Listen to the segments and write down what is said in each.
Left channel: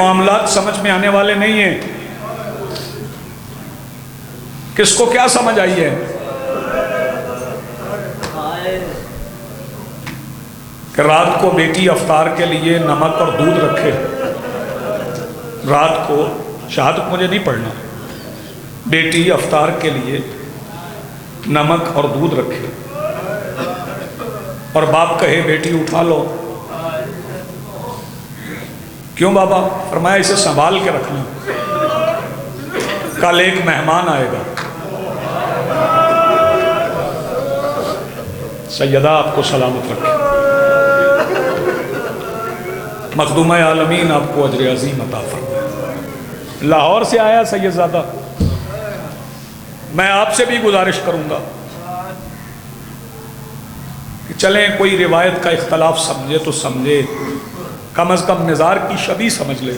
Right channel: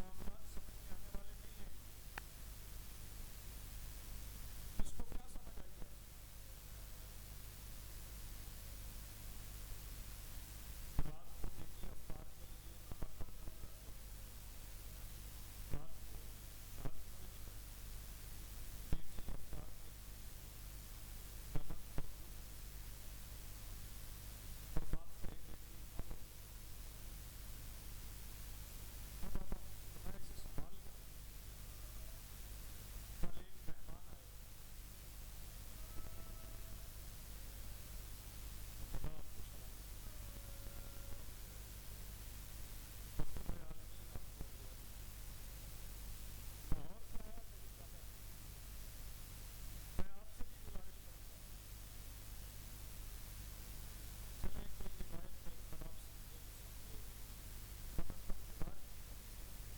معاملات سمجھ میں آنے والے نہیں ہیں. کس کو کیا سمجھ آئی ہے کہ رات کو بیٹی افطار کے لیے نمک اور دودھ رکھے؟ رات کو شہادت مجھے نہیں پڑھنا، بیٹی افطار کے لیے نمک اور دودھ رکھے اور باپ کہے بیٹی اٹھا لو. کیوں بابا؟ فرمایا اسے سنبھال کے رکھنا، کل ایک مہمان آئے گا. سیدہ آپ کو سلامت رکھے، مخدومہ عالمین آپ کو اجر عظیم عطا فرمائے. لاہور سے آیا سید زادہ. میں آپ سے بھی گزارش کروں گا کہ چلیں کوئی روایت کا اختلاف سمجھے تو سمجھے، کم از کم مزار کی شبیہ سمجھ لے.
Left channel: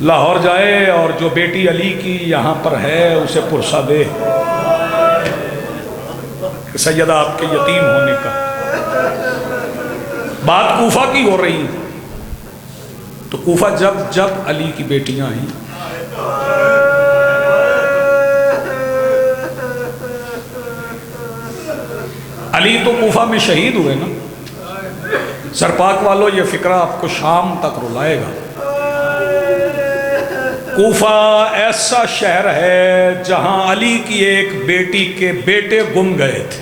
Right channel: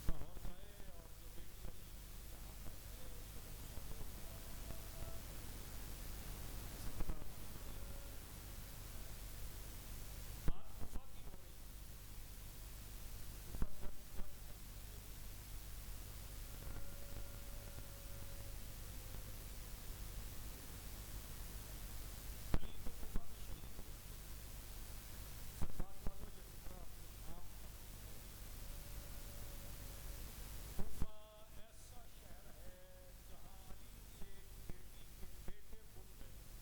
لاہور جائے اور جو بیٹی علی کی یہاں پر ہے اسے پرسہ دے کہ سیدہ آپ کے یتیم ہونے کا. بات کوفہ کی ہو رہی تو کوفہ جب علی کی بیٹیاں آئیں علی تو کوفہ میں شہید ہوئے نا. سرپاک والوں یہ فکرہ آپ کو شام تک رلائے گا. کوفہ ایسا شہر ہے جہاں علی کی ایک بیٹی کے بیٹے گم گئے تھے.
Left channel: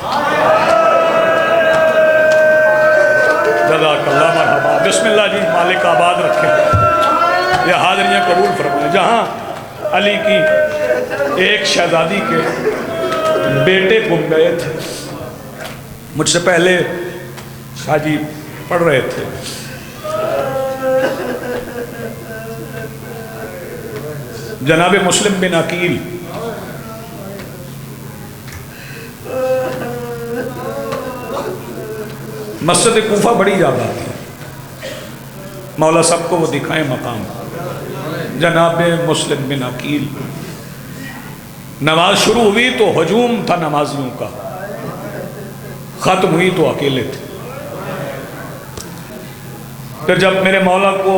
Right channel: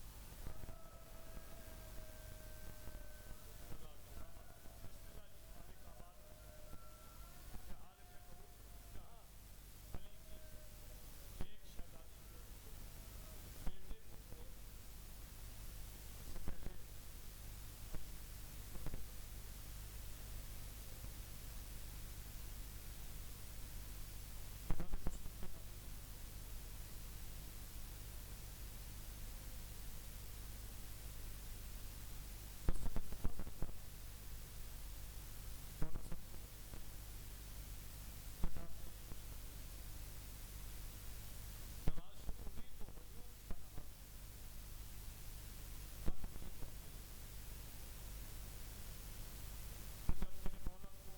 جزاک اللہ مرحبا. بسم اللہ جی، مالک آباد رکھیں، یہ حاضریاں قبول فرمائیں. جہاں علی کی ایک شہزادی کے بیٹے گم گئے تھے. مجھ سے پہلے حاجی پڑھ رہے تھے، جناب مسلم بن عقیل مسجد کوفہ بڑی یاد آتی ہے. مولا صاحب کو وہ دکھائیں مقام. جناب مسلم بن عقیل، نماز شروع ہوئی تو ہجوم تھا نمازیوں کا، ختم ہوئی تو اکیلے تھے. پھر جب میرے مولا کو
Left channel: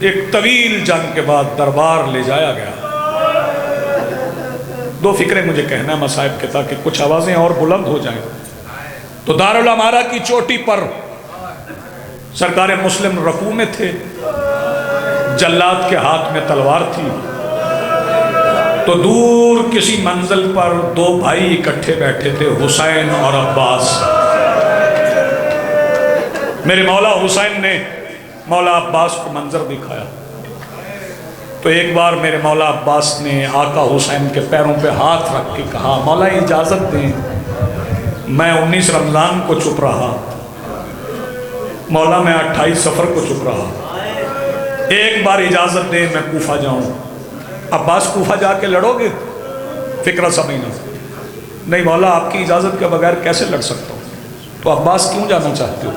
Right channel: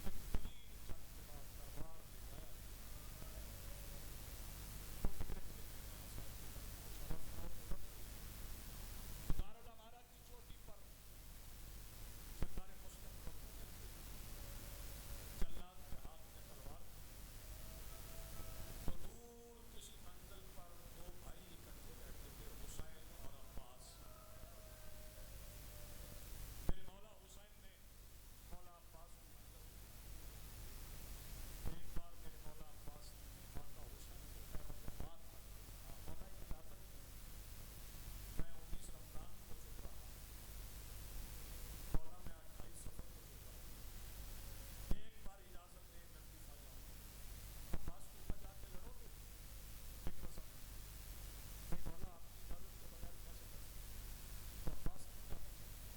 ایک طویل جنگ کے بعد دربار لے جایا گیا، دو فکریں مجھے کہنا ہے مصائب کے تاکہ کچھ آوازیں اور بلند ہو جائیں. تو دارالامارہ کی چوٹی پر سرکار مسلم رکوع میں تھے، جلاد کے ہاتھ میں تلوار تھی. تو دور کسی منزل پر دو بھائی اکٹھے بیٹھے تھے، حسین اور عباس. میرے مولا حسین نے مولا عباس کو منظر دکھایا تو ایک بار میرے مولا عباس نے آقا حسین کے پیروں پہ ہاتھ رکھ کے کہا، مولا اجازت دیں، میں 19 رمضان کو چپ رہا، مولا میں 28 صفر کو چپ رہا، ایک بار اجازت دیں میں کوفہ جاؤں. عباس کوفہ جا کے لڑو گے؟ فکرہ سمجھنا. نہیں مولا آپ کی اجازت کے بغیر کیسے لڑ سکتا ہوں. تو عباس کیوں جانا چاہتے ہو؟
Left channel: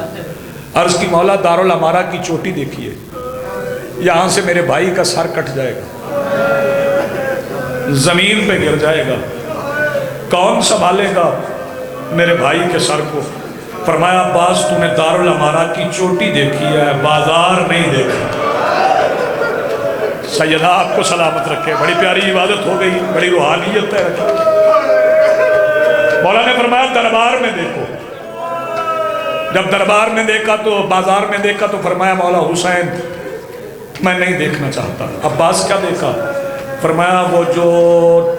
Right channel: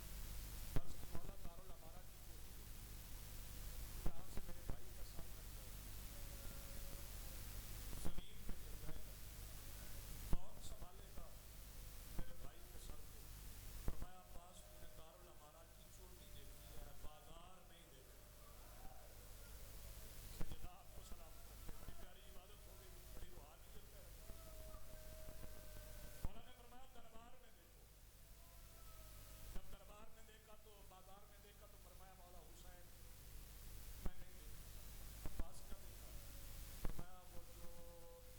عرض کی مولا دارالامارہ کی چوٹی دیکھیے، یہاں سے میرے بھائی کا سر کٹ جائے گا، زمین پہ گر جائے گا، کون سنبھالے گا میرے بھائی کے سر کو؟ فرمایا عباس تو نے دارالامارہ کی چوٹی دیکھی ہے، بازار نہیں دیکھا. سیدہ آپ کو سلامت رکھے. بڑی پیاری عبادت ہو گئی، بڑی روحانیت ہے. مولا نے فرمایا دربار میں دیکھو. جب دربار میں دیکھا تو بازار میں دیکھا تو فرمایا مولا حسین میں نہیں دیکھنا چاہتا. عباس کیا دیکھا؟ فرمایا وہ جو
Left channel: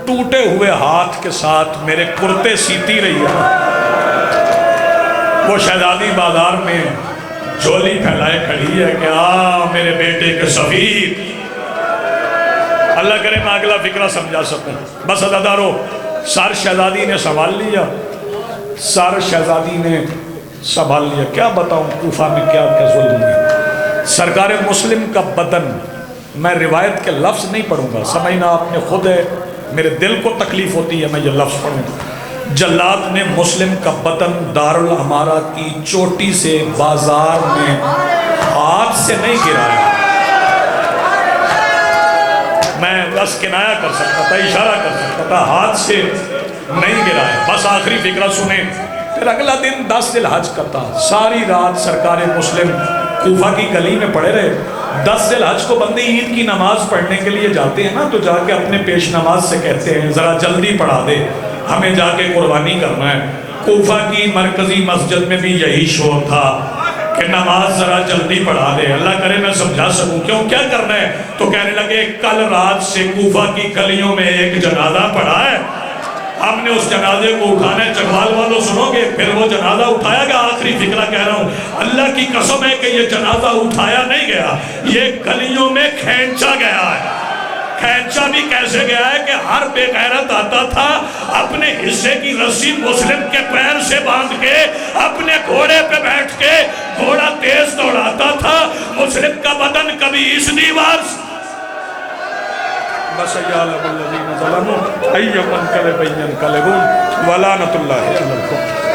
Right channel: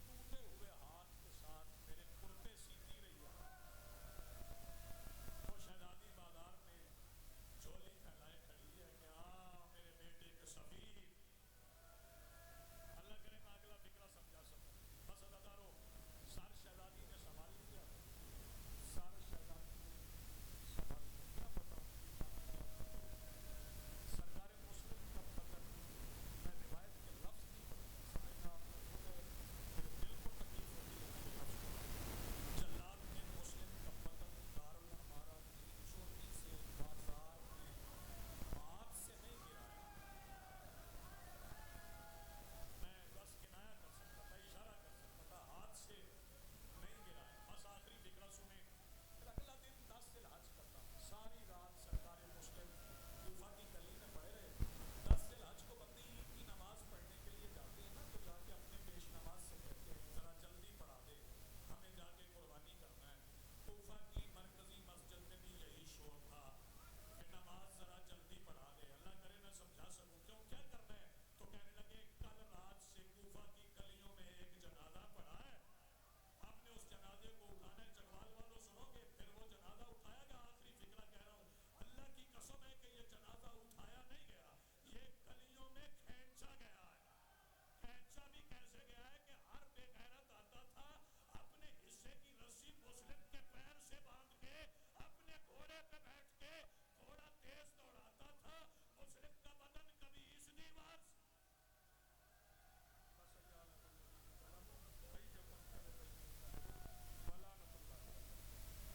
ٹوٹے ہوئے ہاتھ کے ساتھ میرے کرتے سیتی رہی ہے، وہ شہزادی بازار میں جھولی پھیلائے کھڑی ہے کہ آ میرے بیٹے کے سفیر. اللہ کرے میں اگلا فکرہ سمجھا سکوں. بس عزادارو، سر شہزادی نے سنبھال لیا، سر شہزادی نے سنبھال لیا. کیا بتاؤں کوفہ میں کیا کیا ظلم ہوئی. سرکار مسلم کا بدن، میں روایت کے لفظ نہیں پڑھوں گا، سمجھنا آپ نے خود ہے، میرے دل کو تکلیف ہوتی ہے میں یہ لفظ پڑھوں گا. جلاد نے مسلم کا بدن دارالامارہ کی چوٹی سے بازار میں ہاتھ سے نہیں گرایا. میں بس کنایا کر سکتا تھا، اشارہ کر سکتا تھا، ہاتھ سے نہیں گرایا. بس آخری فکرہ سنیں. پھر اگلا دن 10 ذی الحج کا تھا. ساری رات سرکار مسلم کوفہ کی گلی میں پڑے رہے. 10 ذی الحج کو بندے عید کی نماز پڑھنے کے لیے جاتے ہیں نا، تو جا کے اپنے پیش نماز سے کہتے ہیں ذرا جلدی پڑھا دے، ہمیں جا کے قربانی کرنا ہے. کوفہ کی مرکزی مسجد میں بھی یہی شور تھا کہ نماز ذرا جلدی پڑھا دے، اللہ کرے میں سمجھا سکوں کیوں کیا کرنا ہے. تو کہنے لگے کل رات سے کوفہ کی گلیوں میں ایک جنازہ پڑا ہے، ہم نے اس جنازے کو اٹھانا ہے. چکوال والوں سنو گے، پھر وہ جنازہ اٹھایا گیا. آخری فکرہ کہہ رہا ہوں، اللہ کی قسم ہے کہ یہ جنازہ اٹھایا نہیں گیا، یہ گلیوں میں کھینچا گیا ہے. کھینچا بھی کیسے گیا ہے کہ ہر بے غیرت آتا تھا، اپنے حصے کی رسی مسلم کے پیر سے باندھ کے اپنے گھوڑے پہ بیٹھ کے گھوڑا تیز دوڑاتا تھا. مسلم کا بدن کبھی اس دیوار سے بس یعلم الذین ظلموا ای منقلب ینقلبون ولعنۃ اللہ علی القوم.